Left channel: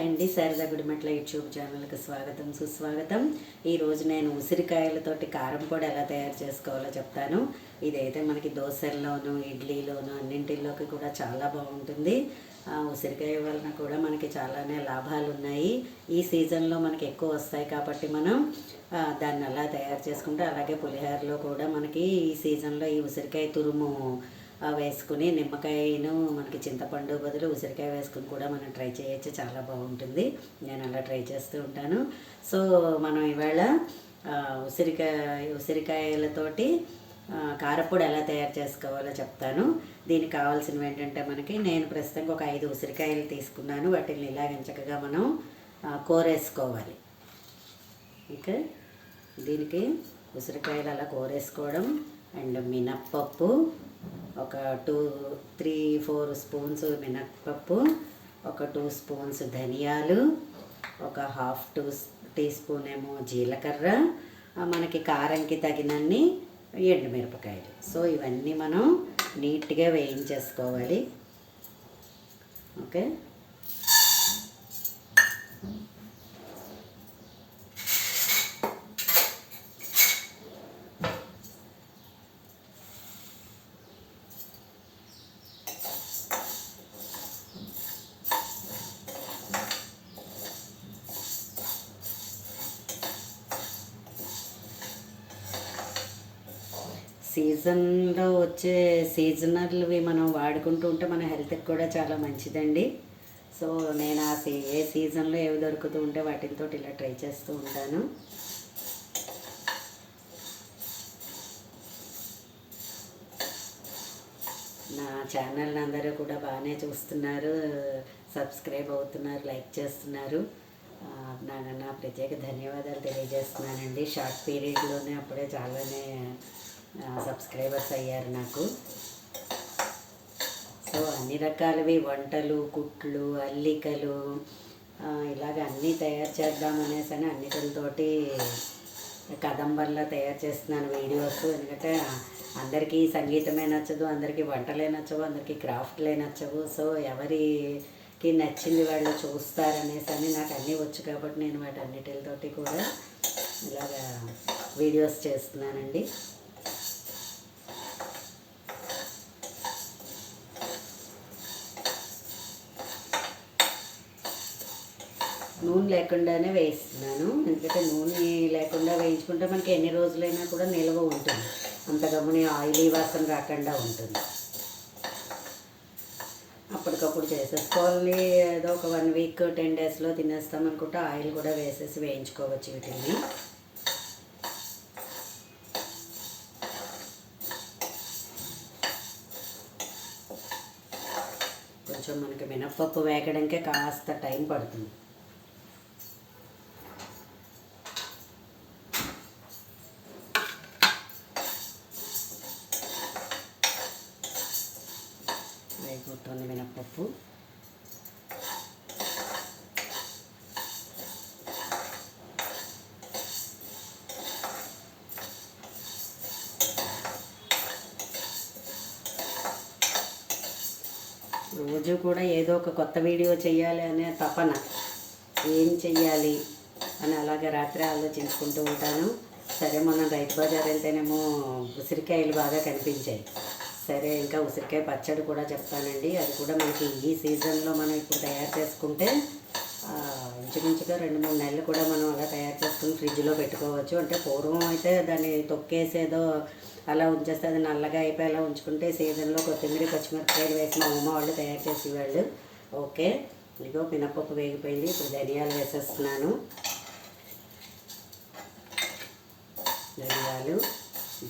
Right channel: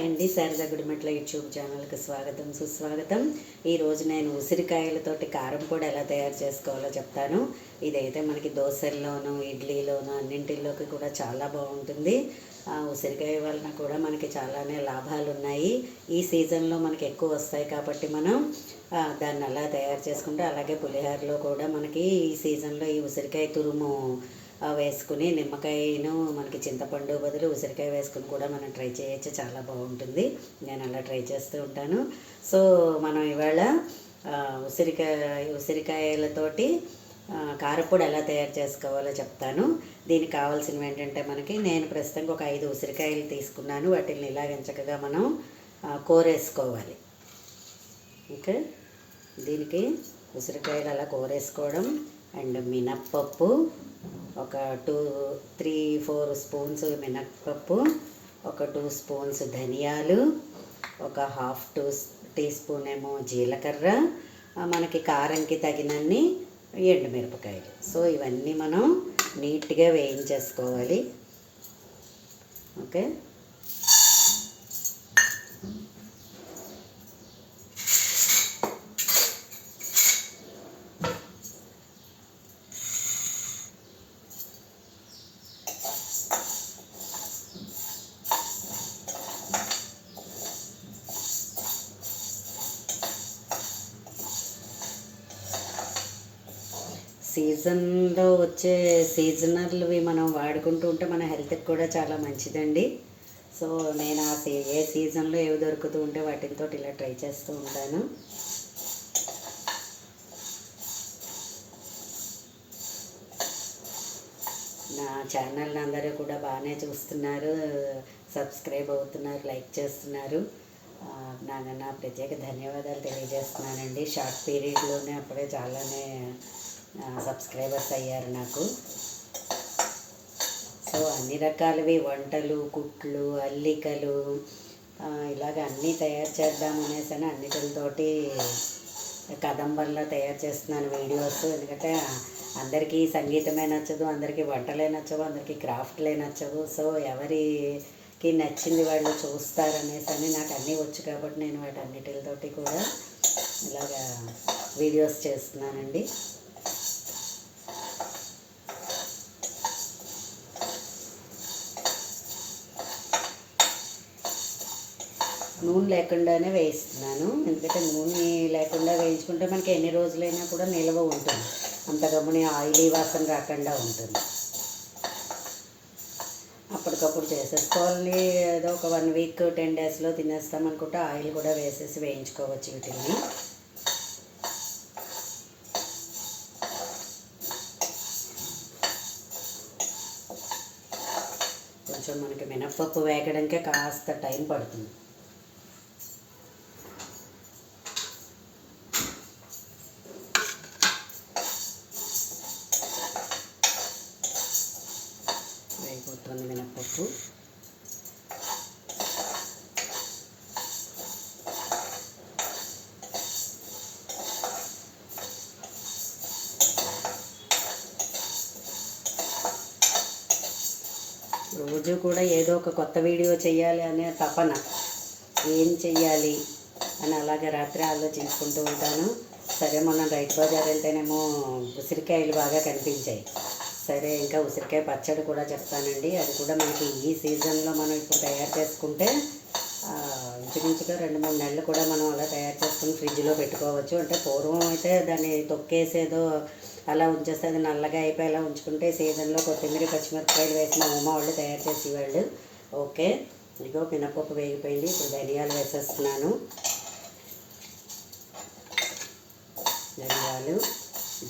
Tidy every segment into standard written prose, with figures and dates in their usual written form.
Hi అండి, Sharada Gudimetla YouTube ఛానల్కి స్వాగతం సుస్వాగతం. ఈరోజు నేను ఉసిరికాయలతోటి కారం పొడి ఎలా తయారు చేసుకోవాలో చెప్తాను. ఇదైతే మనకి దోశల్లోనూ ఇడ్లీలోనూ అన్నింటిలోకి కూడా చాలా బాగుంటుంది. ఉసిరికాయ వలన కూడా మనకి చాలానే లాభాలు ఉన్నాయి. ఈ సీజన్లో మనకి ఎక్కువ వస్తాయి కాబట్టి మనం దాన్ని అలా తయారు చేసుకుంటే, అలాగే పులిహోరలో కూడా మనకి ఈ సీజన్లో ఈ ఉసిరికాయ తురుము వేసుకుని నిమ్మకాయను మనకి చింతపండు బదులు ఉసిరికాయ వేసుకుని కూడా మనం ట్రై చేయొచ్చు, చాలా బాగుంటుంది. నేను అలా ట్రై చేస్తూ ఉంటాను. సో మనం ఇవాళ ఉసిరికాయలతోటి కారపొడి ఎలా తయారు చేసుకోవాలో చెప్తాను. దీనికి కావాల్సినవి ఏంటంటే, నేను ప్రస్తుతానికి ఒక 5 ఉసిరికాయలు తీసుకున్నాను. వాటిని ఇలాగ చక్కగా మనం కోరేసుకోవాలి. ఓకే, దీనికి ఉసిరికాయలు అలా కోరేసుకోవడం అండ్ మినప్పప్పు ఒక 2-3-4 స్పూన్స్ మినప్పప్పు, ఒక 2 స్పూన్స్ ధనియాలు, ఒక ½ టీ స్పూన్ ఏమో జీలకర్ర, మనకి కారంకి తగినన్ని ఎండుమిరపకాయలు. సో ఇవన్నీ మనం నీట్గా వేయించేసుకోవాలి. ఓకే, సీజన్లో వచ్చే సీజనల్వి మనం వాడుకుంటూ ఉంటే మన హెల్త్కి కూడా చాలా మంచిదండి. సో నేను ఏ సీజన్లో ఏవి దొరుకుతూ ఉంటే వాటితో ఇలా ట్రై చేస్తూ ఉంటాను. నా ఛానల్ని అందరూ కూడా బాగానే చూస్తున్నారు, సబ్స్క్రైబ్ అవుతున్నారు, లైక్ చేస్తున్నారు. నా ప్రత్యేక ధన్యవాదాలు తెలియజేస్తున్నానండి. షార్ట్ పీరియడ్లోనే అప్పుడే చాలానే సబ్స్క్రైబర్స్ అయ్యారు నాకు. సో అన్ని రకాలవి వంటలు, కుట్లు, అల్లికలు ఇలాగ అన్నీ తయారు చేద్దామనేసి అన్నిటితోటి కదంబంలా తయారు చేస్తున్నాను వీడియోస్. ఎందుకంటే అందరికీ సంగీతమే నచ్చదు, అందరికీ వంటలే నచ్చవు, అందరికీ క్రాఫ్ట్లే నచ్చవు. సో ఎవరికి నచ్చింది వాళ్ళు చూస్తారనేసి నాకు అన్నీ వచ్చు కాబట్టి నేను వాటి అన్నిటితోటి కూడా ఇలాగా వీడియోస్ చేస్తున్నానండి. నూనె లేకుండానే వేయిస్తున్నాను. ఎందుకంటే నూనె లేకుండా వేయించుకుంటే మనకి ఎన్ని రోజులైనా కూడా నిల్వ ఉంటుంది, అంత గమ్ముని ఆయిలీ వాసన రాకుండా ఉంటుంది. అప్పటికప్పుడు చేసేసుకోవాలి. ఏదో ఒక 1 వీక్ 10 డేస్లో తినేస్తాం అనుకుంటే ఆయిల్ కూడా వేసేసి వేయించుకోవచ్చు వీటిని. కొంచెం మనకి మినప్పప్పు వేగడానికే కాస్త టైం పడుతుంది. వేగిపోతుంది మినప్పప్పు. రోజు కూడా ఏదో ఒక కొత్త వీడియో చేయాలి అనే తపన, ఏం చెయ్యాలి అని అలాగే రాత్రి ఆలోచించుకుంటూ ఉంటాను. సరే మనం రైతు బజార్ వెళ్తేనేమో ఉసిరికాయలు బాగా కనిపించాయి. సరే ఇంకా ఉసిరికాయ పచ్చడి కూడా చెప్తానండి. అది కూడా మనకి ఈ సీజన్లో మనం ఇప్పుడు తయారు చేసుకుంటే ఇంచుమించుగా 2-3 నెలలు కూడా మనం అలా తయారు చేసుకుని ఫ్రిడ్జ్లో పెట్టుకోవచ్చు. అంటే పూర్వం అయితే దాన్ని తొక్కేసేదో అలా ఉంచేస్తే అది నల్లగా అయిపోయి అలా ఉంచుకుంటే సీజన్లో కొత్తిమీర, పచ్చిమిరపకాయలు వేసిన ఉమ్మ వాళ్ళు తయారు చేసేవాళ్ళు. ఓకే, ఇదిగో మినపప్పు వేగిపోయింది. ఇప్పుడు ధనియాలు వేసేస్తున్నాను. ధనియాలు,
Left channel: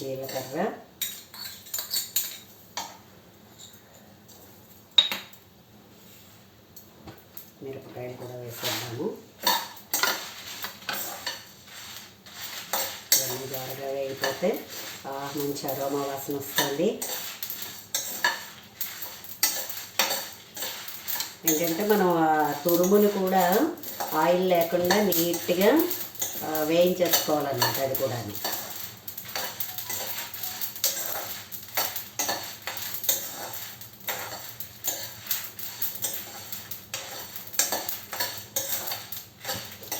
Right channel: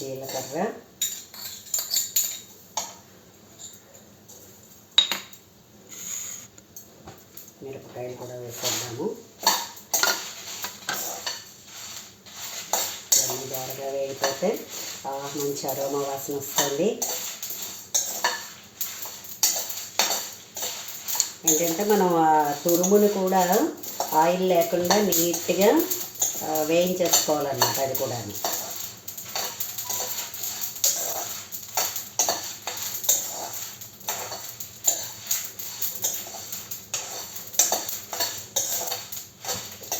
జీలకర్ర, మిరపకాయలు కూడా వేసేద్దాము. ఇవన్నీ బాగా వేగిపోతే మంచి అరోమా వాసన వస్తుంది. ఏంటంటే మనం తురుమును కూడా ఆయిల్ లేకుండా నీట్గా వేయించేసుకోవాలన్నమాట. అది కూడా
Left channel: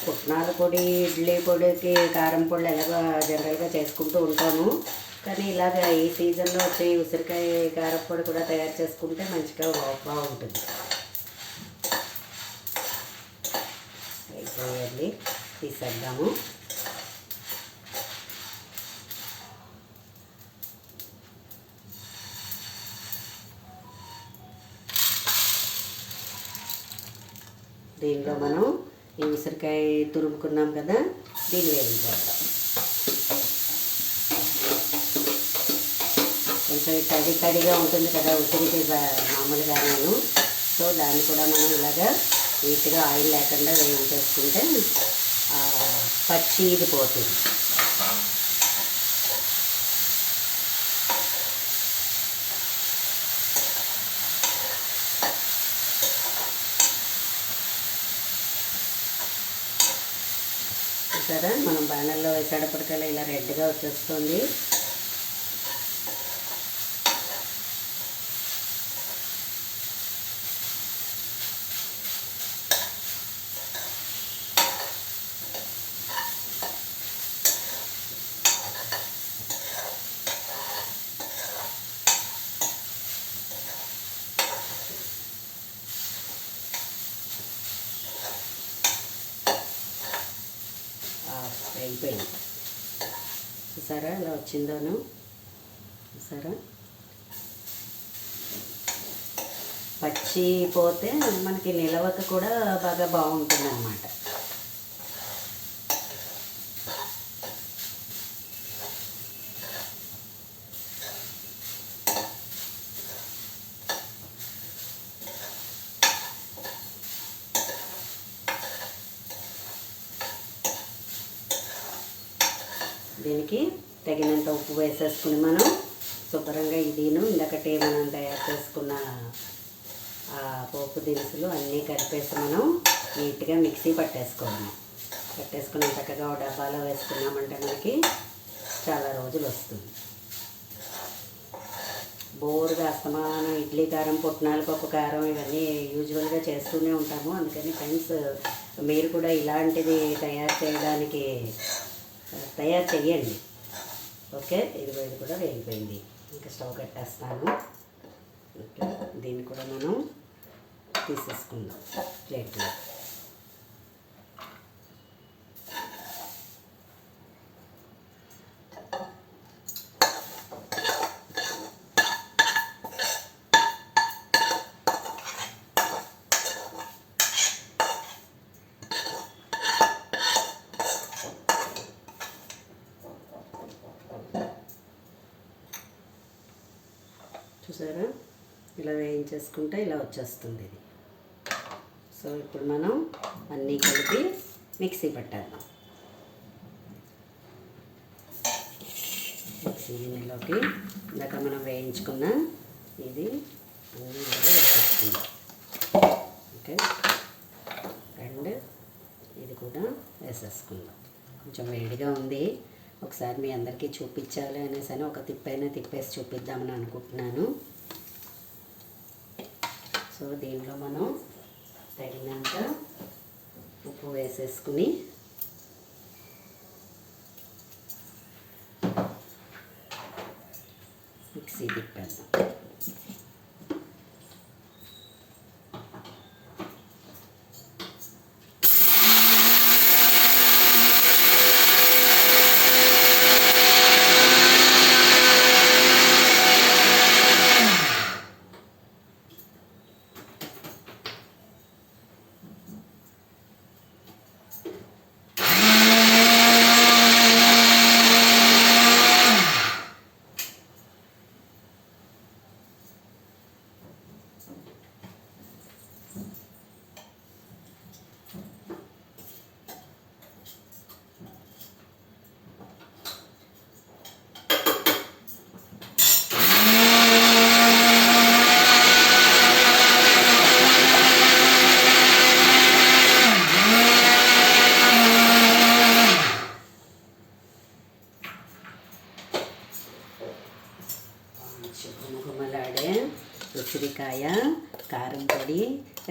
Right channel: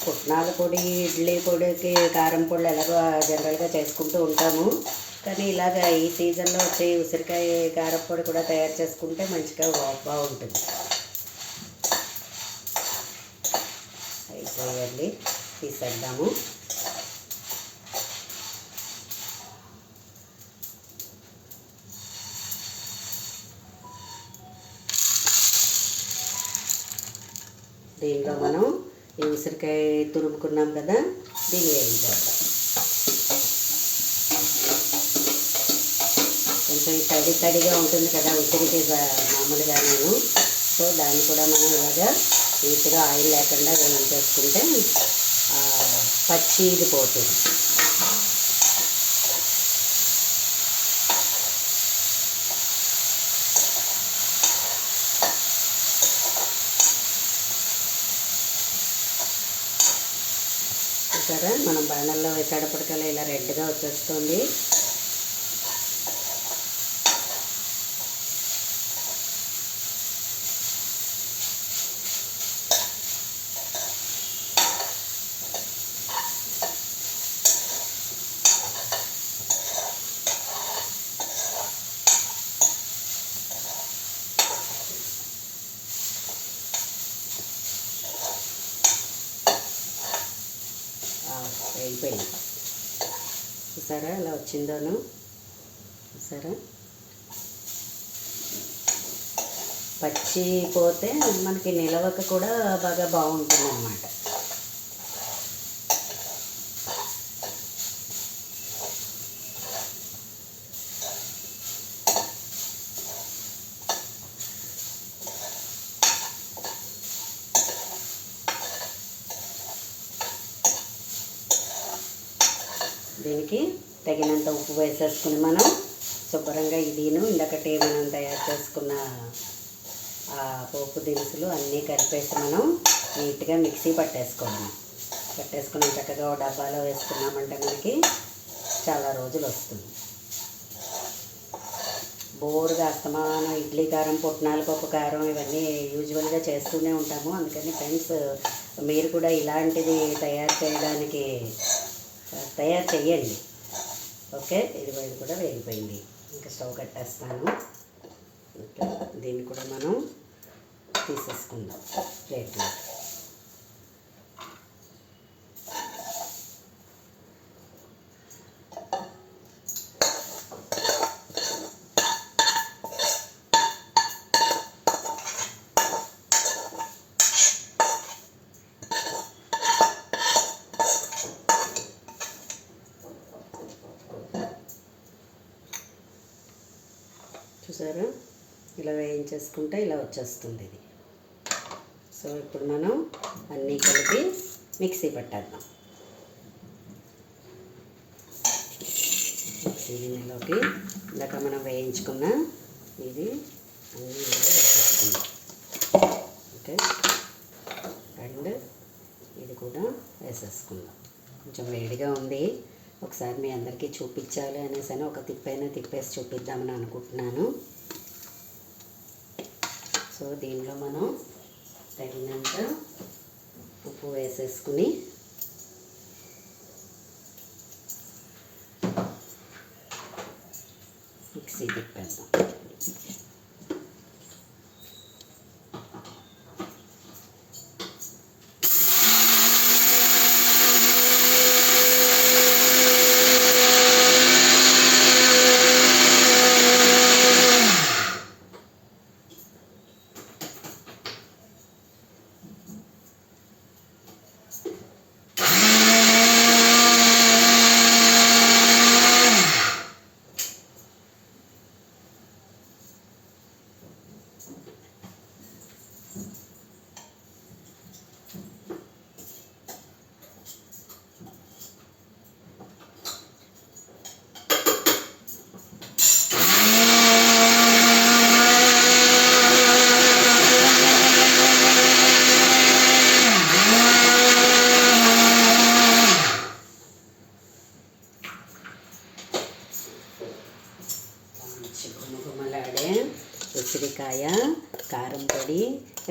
పుట్నాల పొడి, ఇడ్లీ పొడికి కారం పొడి ఎలాగో జనరల్గా చేసుకుంటూ ఉంటాము. కానీ ఇలాగ ఈ సీజన్లో వచ్చే ఉసిరికాయ కారం పొడి కూడా తయారు చేసుకుంటే మంచిగా బాగుంటుంది. అయిపోయాలి, తీసేద్దాము. దీనిలో మనం ఈ ఉసిరికాయ తురుముకున్నాం కదా, దీన్ని వేయించేద్దాం. కొంచెం తడిగా ఉంటుంది కదా ఉసిరికి మామూలుగా నేను. సో దాన్ని కూడా మనం ఇలాగా నీట్గా ఆయిల్ లేకుండా వేయించేసుకుంటే పచ్చి ఇది పోతుంది. చూసారా, మనం బాణల్లో వేసేటప్పటికల్లా ఇలా రెడ్గా వచ్చేస్తుంది. అయిపోయింది. చూసారా ఇలా వచ్చిందోను, చూసారా. పచ్చి పోతే మనకి నిలవక కూడా బాగా బాగుంటుంది అన్నమాట. దీనికి తగినంత ఉప్పు వేసేసుకుని మనం శుభ్రంగా ఇదిను ఇందాకటే మనం తయారు చేసుకున్న పోపు దినుసులు అన్నీ కలిపేసి మనం నీట్గా మిక్సీ పట్టేసుకున్నాం. చక్కగా ఒక డబ్బాలో వేసుకున్నామంటే మనకి చాలా రోజులు వస్తుంది. బోరుగా అస్తమానం ఇడ్లీ కారం, పుట్నాల పప్పు కారం ఇవన్నీ యూజువల్గా చేస్తూనే ఉంటాము. అందుకని ఫ్రెండ్స్, మీరు కూడా ఇలాంటిది తయారు చేయండి. ఓకే, ఇది కూడా వేగిపోయింది. ఇంకా స్టవ్ కట్టేస్తాను. ఓకే, దీన్ని కూడా మనం తీసేసుకుందాం ప్లేట్లో. చూసారా, ఇలా వేయించేసుకుంటే ఇలా వచ్చేస్తుంది ఇది. సో ఇప్పుడు మనం అన్నీ కలిపి మిక్సీ పట్టేద్దాం. మిక్సీ గిన్నెలోకి ఇందాక మనం వేయించుకున్న ఇది అన్నీ వేసేసుకుందాం. ఓకే, అండ్ ఇది కూడా వేసేసుకుందాం. కొంచెం వేడిగా ఉంది, ఒకసారి మీ అందరికీ చూపించాలి అనేసి ఒక తిప్పేసి చూపిద్దామని అనుకుంటున్నాను. సో దీనిలో మనం తగినంత ఉప్పు వేసేసుకుని మిక్సీ తిప్పేద్దాం. గుమగుమలాడే ఉసిరికాయ కారం పొడి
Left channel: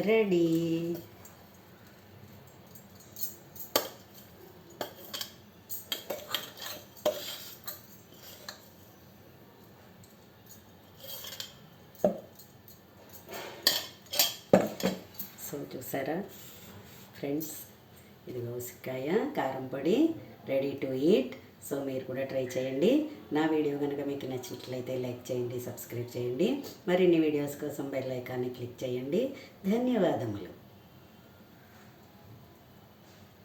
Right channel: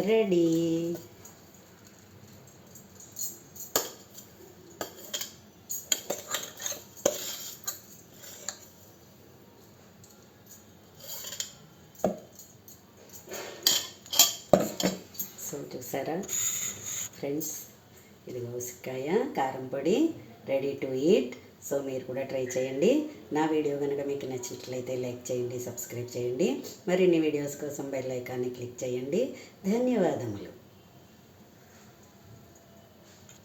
రెడీ. చూసారా ఫ్రెండ్స్, ఇదిగో ఉసిరికాయ కారం పొడి రెడీ టు ఈట్. సో మీరు కూడా ట్రై చేయండి. నా వీడియో కనుక మీకు నచ్చినట్లయితే లైక్ చేయండి, సబ్స్క్రైబ్ చేయండి. మరిన్ని వీడియోస్ కోసం బెల్ ఐకాన్ని క్లిక్ చేయండి. ధన్యవాదములు.